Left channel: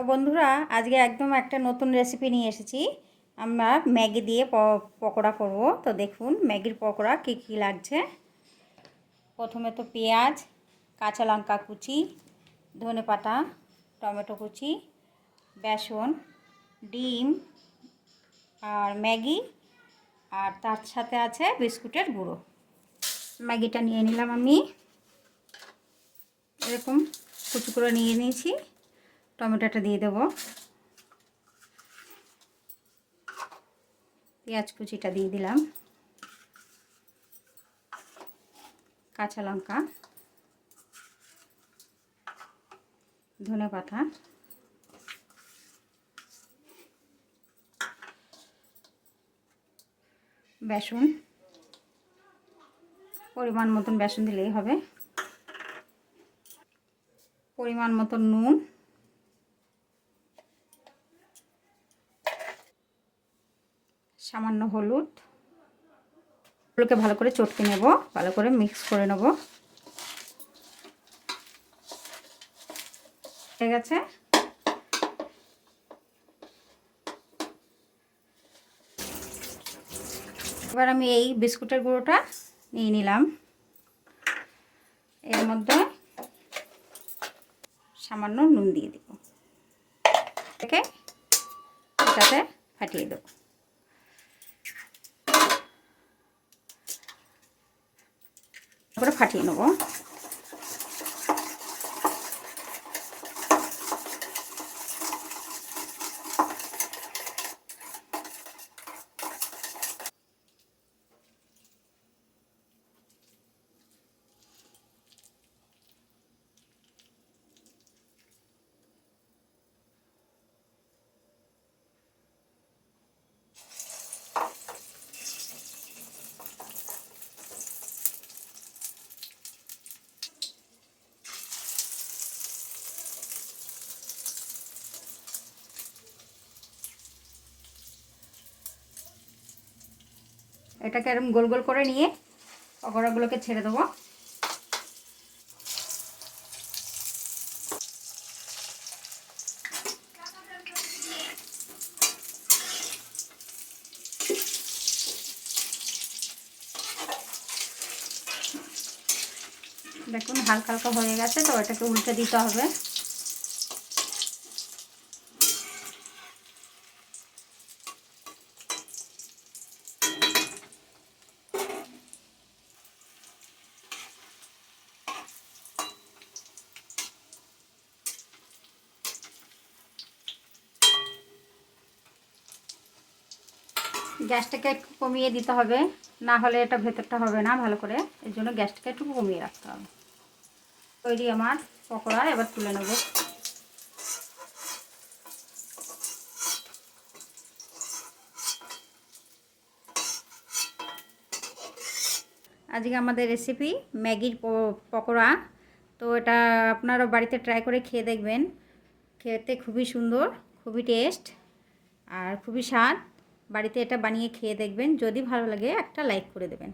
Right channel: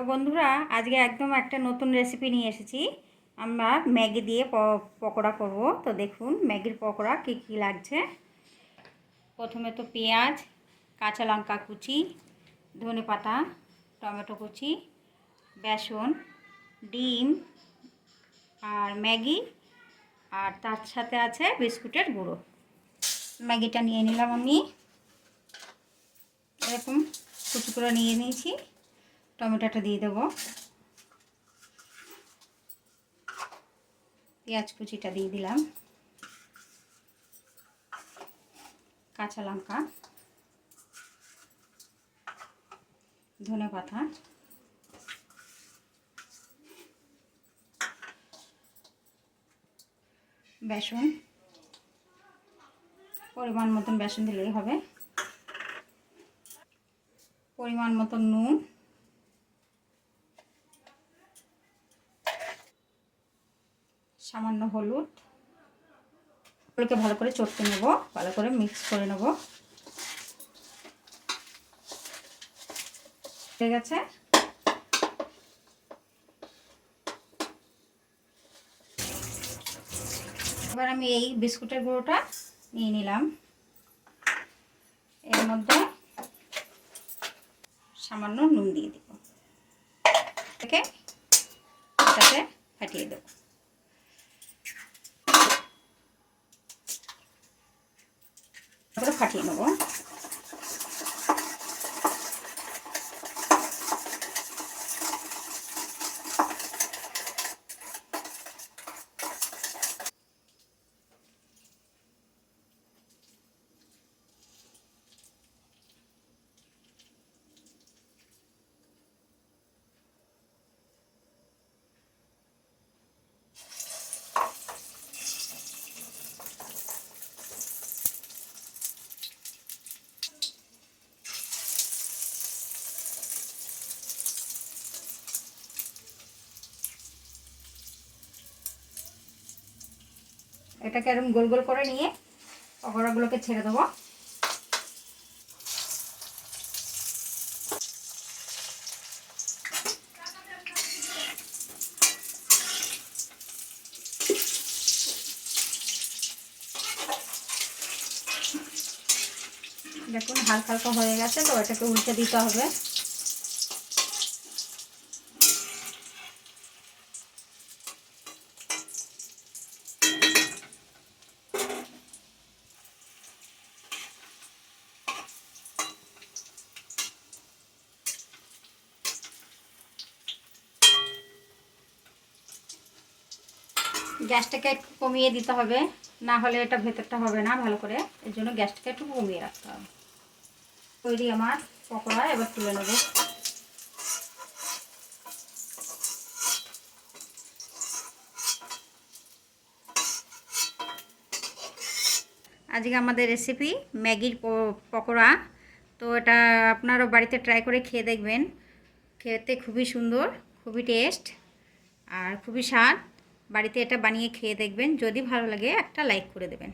তো বন্ধুরা আজকে একদম একটা নতুন রেসিপি নিয়ে এসেছি। আমরা ম্যাগি দিয়ে পকোড়া করব। তো দেখুন ম্যাগির পকোড়া কী কী লাগছে। প্রথমে তো পেঁয়াজ, কাঁচা লঙ্কা কুচি, ধনেপাতা, টমেটো কুচি, বেসন, ডিম আর ম্যাগি, আর তার সাথে আছে বিস্কুটের গুঁড়ো। ম্যাগিটা নিয়ে নিলাম, আমি এরকম কুচি করে নিয়ে নিয়েছি। টমেটোটা দিয়ে দেবো, পেঁয়াজ কুচিটা দিয়ে দিলাম, কাঁচা লঙ্কা, ধনেপাতা, বেসন, পরিমাণ মতন বেসন দিলেই হবে, পরিমাণ মতন নুন, সামান্য হলুদ। এগুলোকে ভালো করে চটকে নেব, ভালো করে মিক্স করে নেব। হয়ে গেছে। এবার আমি এই বিস্কুটের গুঁড়োটা নিয়ে নিলাম, এর মধ্যে সামান্য নুন দিয়ে দেব, এটাকে এটাতে ফাটিয়ে দেব। তারপরে ফাটিয়ে নেব। এটাকে এরকম গোল গোল করে নিয়ে পকোড়াগুলোকে ছেড়ে দেবো। দেখুন হালকা হালকা হয়ে গেছে, তো এটাকে উল্টে দিতে হবে। গ্যাসটাকে একটু কমিয়ে দিতে হবে, না হলে এটা ভেতরটা হবে না ভালো করে। এর জন্য গ্যাসটাকে একটু কমিয়ে রাখতে হবে। তৈরি আমার পকোড়া, এবার তুলে নেব। আজকে আমাদের রেসিপি ম্যাগির পকোড়া। তো এটা আপনারা বাড়িতে ট্রাই করে খেয়ে দেখবেন। খেতে খুবই সুন্দর, খুবই টেস্ট আর খুবই স্বাদ। বাড়িতে এটা বানিয়ে খেয়ে দেখবেন। যদি ভালো লাগে একটা লাইক করে দেবেন।